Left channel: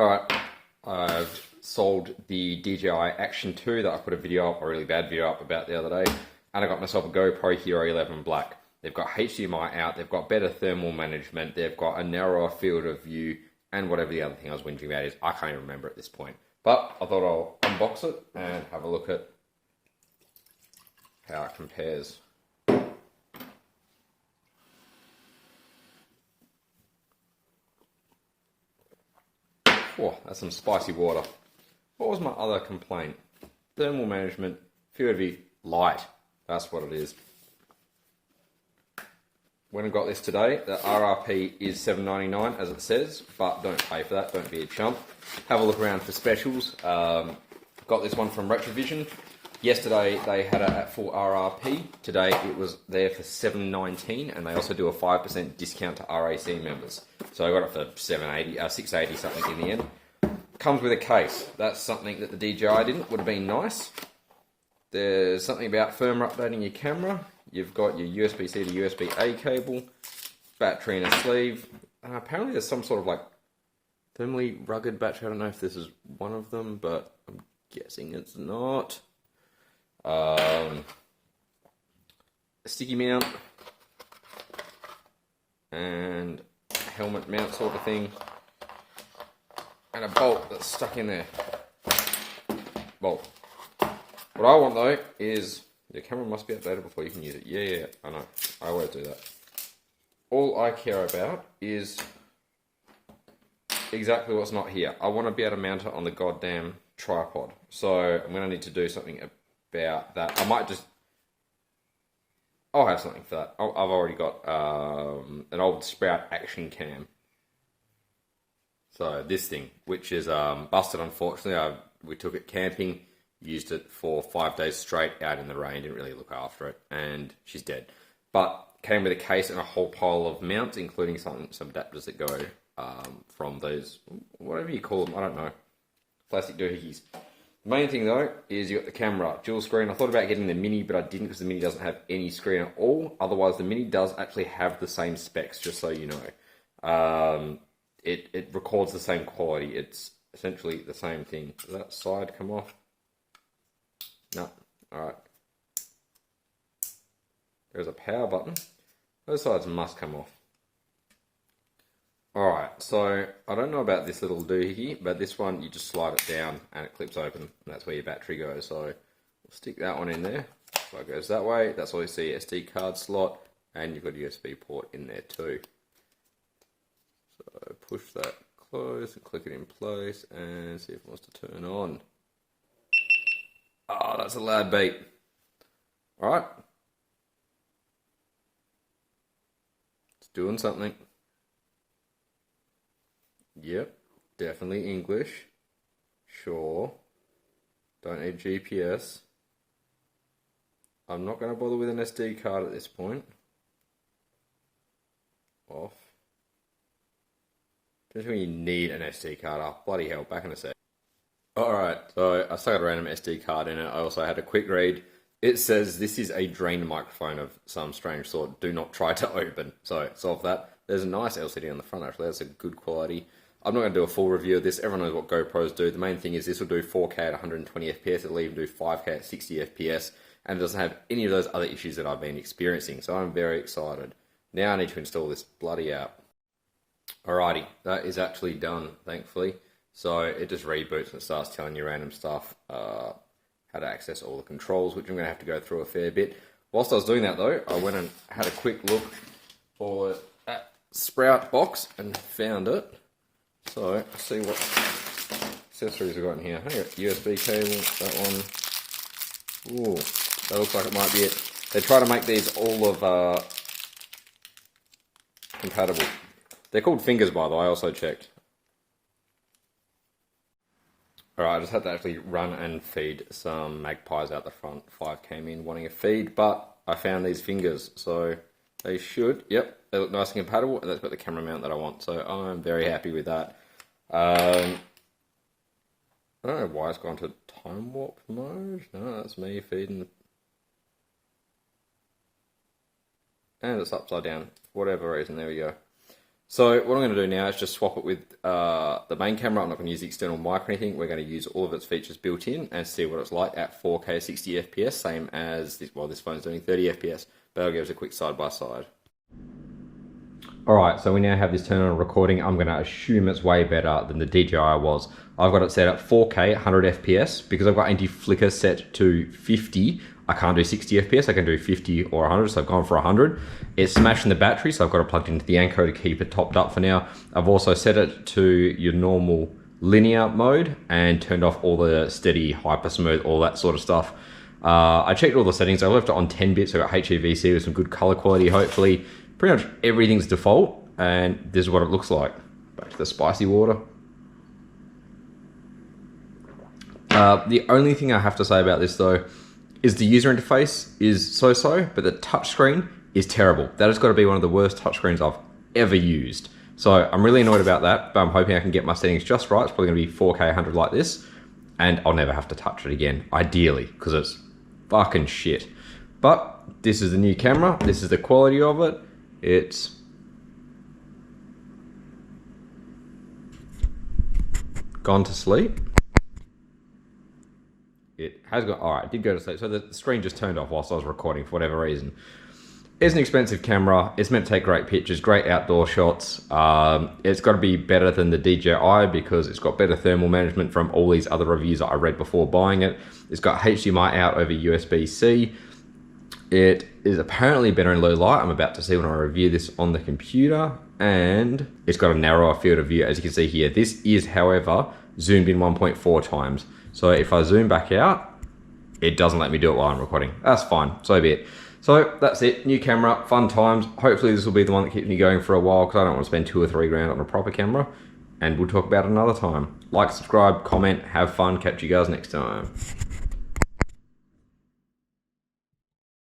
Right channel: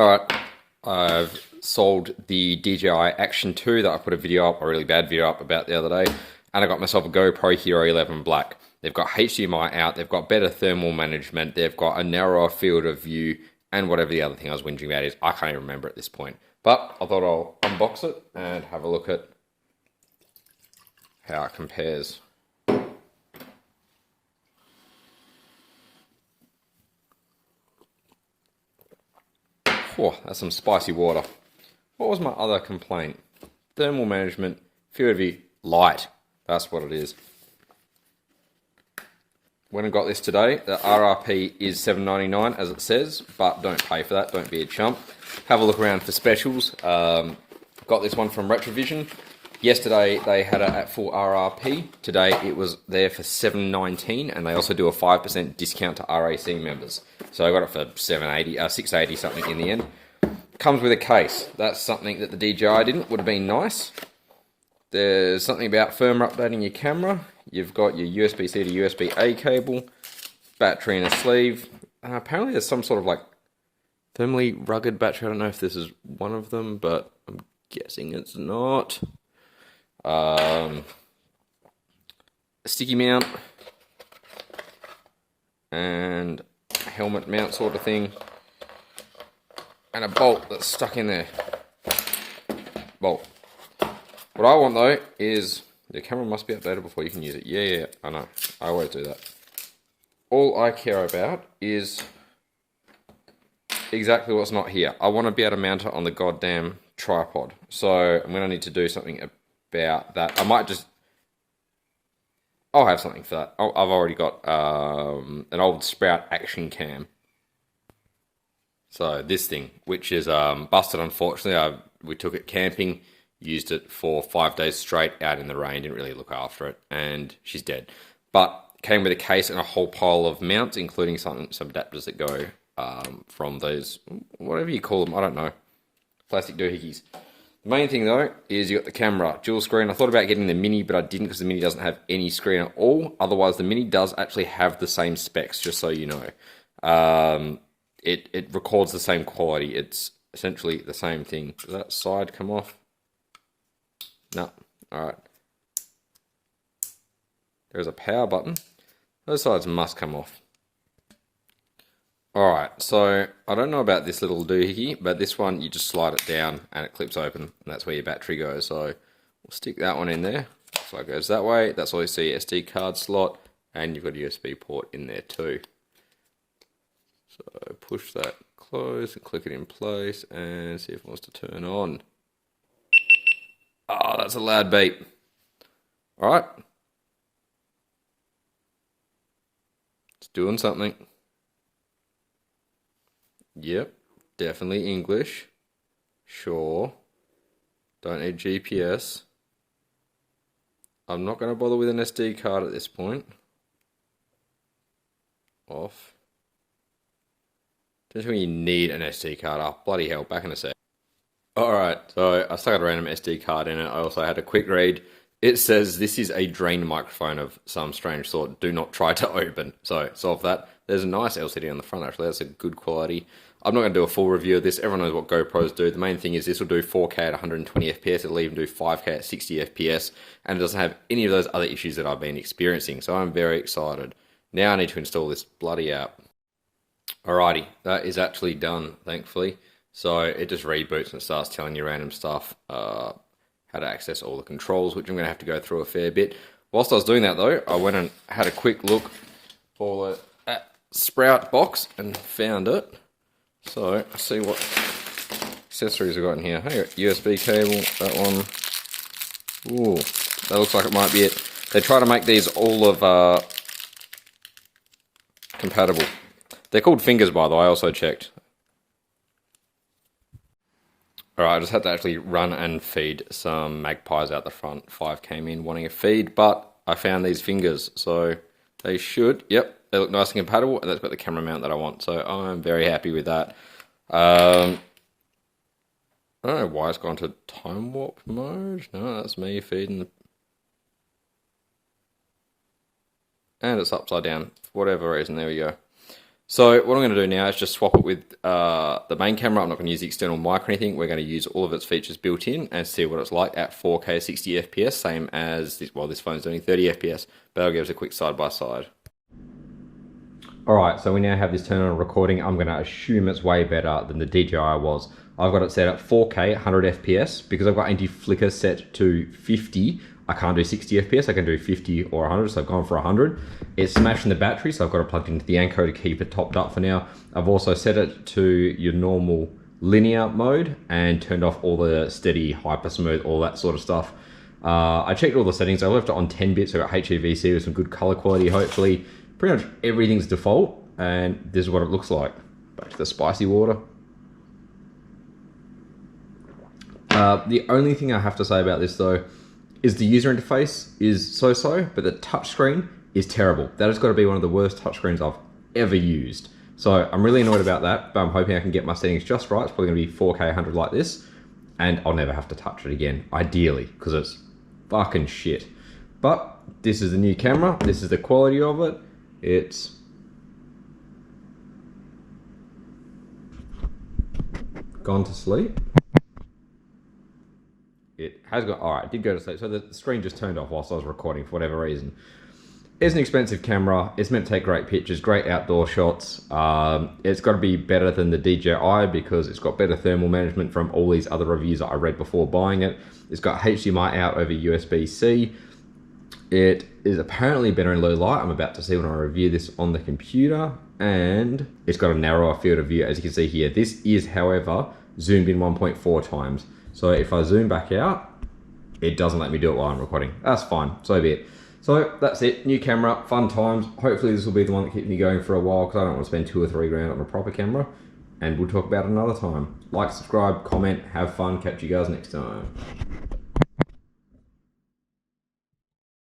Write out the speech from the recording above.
Alright, I've sold the DJI Action 2 that I put a video up, a really bad video up about the other day, and I got myself a GoPro HERO11 Black. They've got HDMI out, they've got better thermal management, they've got a narrower field of view, and whatever the other thing I was whinging about is, I can't even remember at this point. But I thought I'll unbox it and have a look at how it compares. Oh, that's some spicy water. What was my other complaint? Thermal management, field of view, light. That's what it is. When I got this today, the RRP is $7.99 as it says, but don't pay for that, don't be a chump. Have a look around for specials. Got this one from Retrovision. Yesterday they had it at full RRP. Today it was there for $7.19, and they also do a 5% discount to RAC members. So I got it for $6.80 something in the end. Comes with a case. That's something that the DJI didn't. Would have been nice. There's something about firmware updating your camera. You've got your USB-C to USB-A cable, battery in a sleeve. Apparently there's some sort of like thermally rugged battery. I don't know if this is one of them, but I'm guessing it's not. A sticky mount and helmet mount sort of thing, and a bolt that's stuck in there. Bolt. What I want though is the camera must be updated before you can use it. Yeah, I know. I always do that. All I care about is exactly what's not here. I want to be able to mount it on the goddamn tripod. So I'm going to need to do something about that. I might just... I'll have something for that. I've already got an old Sprout Action Cam. So this thing, which is busted unfortunately. We took it camping, used it for 5 days straight out in the rain, didn't really look after it, and she's dead. But came with a case and a whole pile of mounts, including some adapters that go from those, whatever you call them, I don't know, plastic doohickeys. The main thing though is you got the camera, dual screen. I thought about getting the Mini, but I didn't because the Mini doesn't have any screen at all. Otherwise, the Mini does actually have the same specs, just so you know. It records the same quality. It's essentially the same thing. Does that side come off? No. Alright. There's a power button. Those sides must come off. Alright, so I don't know about this little doohickey, but this one you just slide it down and it clips open, and that's where your battery goes. So we'll stick that one in there. So it goes that way. That's all you see, SD card slot, and you've got a USB port in there too. So push that close and click it in place and see if it wants to turn on. Oh, that's a loud beep. Alright. It's doing something. Yep, definitely English. Sure. Don't need GPS. I'm not going to bother with an SD card at this point. Off. Don't you need an SD card up? Bloody hell, back in a sec. Alright, so I stuck a random SD card in it. I also had a quick read. It says this is a drain microphone of some strange sort. Do not try to open. So, solve that. There's a nice LCD on the front actually. That's a good quality. I'm not going to do a full review of this. Everyone knows what GoPros do. The main thing is this will do 4K at 120 FPS. It'll even do 5K at 60 FPS. And it doesn't have any of those other issues that I've been experiencing. So I'm very excited. Now I need to install this bloody app. Alrighty, that is actually done, thankfully. So it just reboots and starts telling you random stuff, how to access all the controls, which I'm going to have to go through a fair bit. Whilst I was doing that though, I went and had a quick look for the Sprout box and found it. So let's see what accessories I've got in here. Hey, USB cable, that one. Ooh, that looks like it might be it. They try to make these all of compatible. They're called fingers, by the way, I also checked. Alright, I just had to actually run and feed some magpies out the front. 5 came in wanting a feed, but I found these fingers, so they should, yep, they look nice and compatible, and that's got the camera mount that I want, so I'm very happy with that. I don't know why it's gone to time warp mode. No, that's me feeding the... And it's upside down, for whatever reason, there we go. So what I'm going to do now is just swap it with the main camera. I'm not going to use the external mic or anything. We're going to use all of its features built in and see what it's like at 4K 60 FPS, same as this, well, this phone's doing 30 FPS, but I'll give us a quick side by side. All right, so we now have this turned on recording. I'm going to assume it's way better than the DJI was. I've got it set at 4K 100 FPS because I've got anti-flicker set to 50. I can't do 60 FPS, I can do 50 or 100, so I've gone for 100. It's smashing the battery, so I've got it plugged into the Anko to keep it topped up for now. I've also set it to your normal linear mode and turned off all the steady, hyper smooth, all that sort of stuff. I checked all the settings. I left it on 10 bits, so I got HEVC with some good color quality, hopefully. Pretty much everything's default, and this is what it looks like. Back to the spicy water. The only thing I have to say about this though, is the user interface is so-so, but the touchscreen is terrible. That has got to be one of the worst touchscreens I've ever used. So I'm really annoyed about that, but I'm hoping I can get my settings just right. It's probably going to be 4K 100 like this, and I'll never have to touch it again, ideally, because it's fucking shit. But this is the new camera. This is the quality of it. It's gone to sleep. It has got, all right, it did go to sleep. So the screen just turned off whilst I was recording for whatever reason. It's an expensive camera. It's meant to take great pictures, great outdoor shots. It's got to be better than the DJI because it's got better thermal management from all these other reviews that I read before buying it. It's got HDMI out over USB-C. It is apparently better in low light. I'm about to see when I review this on the computer. And it's got a narrower field of view, as you can see here. This is, however, zoomed in 1.4 times. So if I zoom back out, it doesn't let me do it while I'm recording. That's fine, so be it. So that's it, new camera, fun times. Hopefully this will be the one that keeps me going for a while because I don't want to spend 2 or 3 grand on a proper camera. And we'll talk about it another time. Like, subscribe, comment, have fun. Catch you guys next time.